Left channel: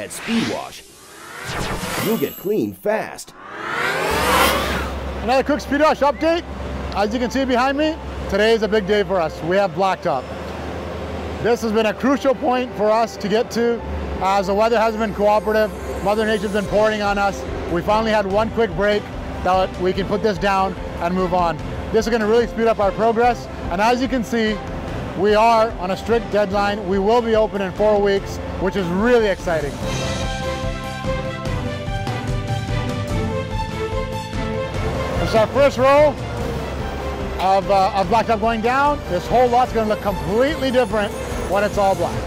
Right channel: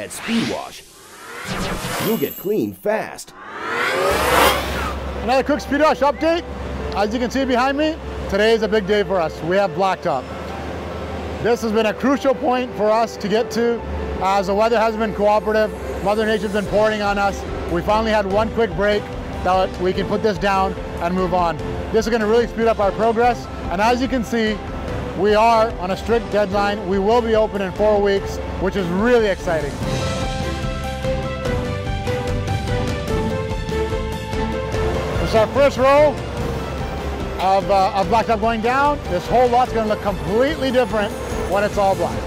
At SpeedWash, you'll get clean fast. Another quick SpeedWash update. As you can see behind me, today is a big day for us. We have Blacktop. This has been a crucial point for us to get to as the weather has been cooperative. Mother Nature's been pouring on us. We finally had one quick break that we can put this down and move on. This is going to really speed up our progress. And as you can see, we are on a strict deadline. We will be open in 4 weeks, which is really exciting. This is our first row of Blacktop going down. This whole lot's going to look completely different when it's all black.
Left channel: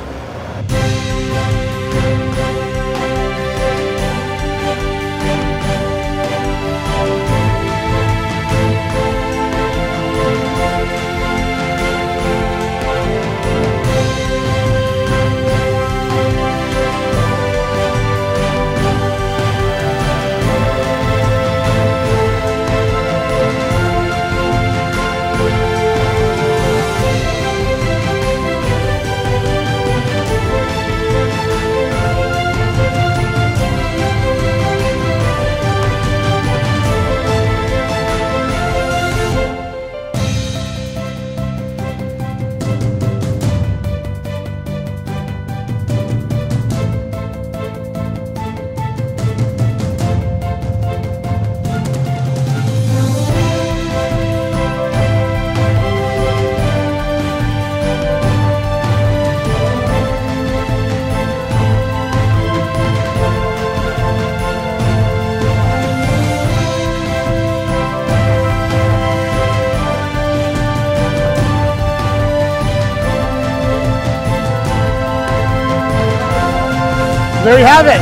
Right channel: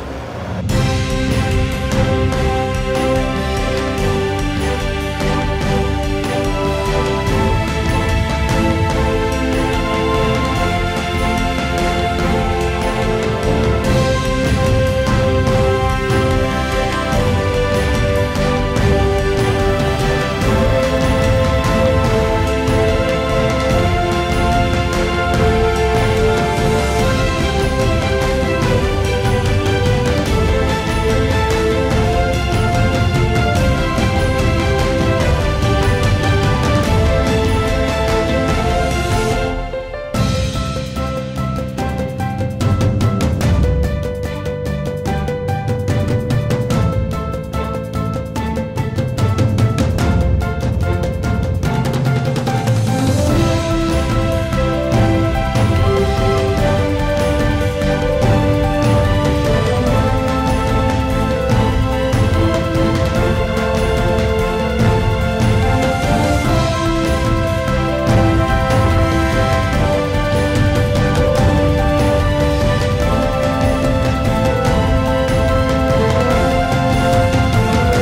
There you have it.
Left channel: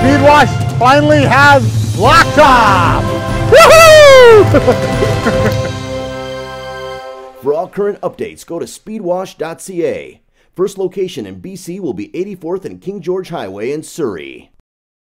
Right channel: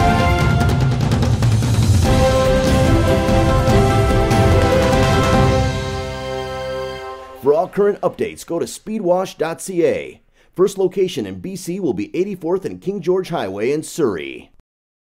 SpeedWash finally has Blacktop. Woohoo! For all current updates, go to speedwash.ca. First location in BC will be 84th and King George Highway in Surrey.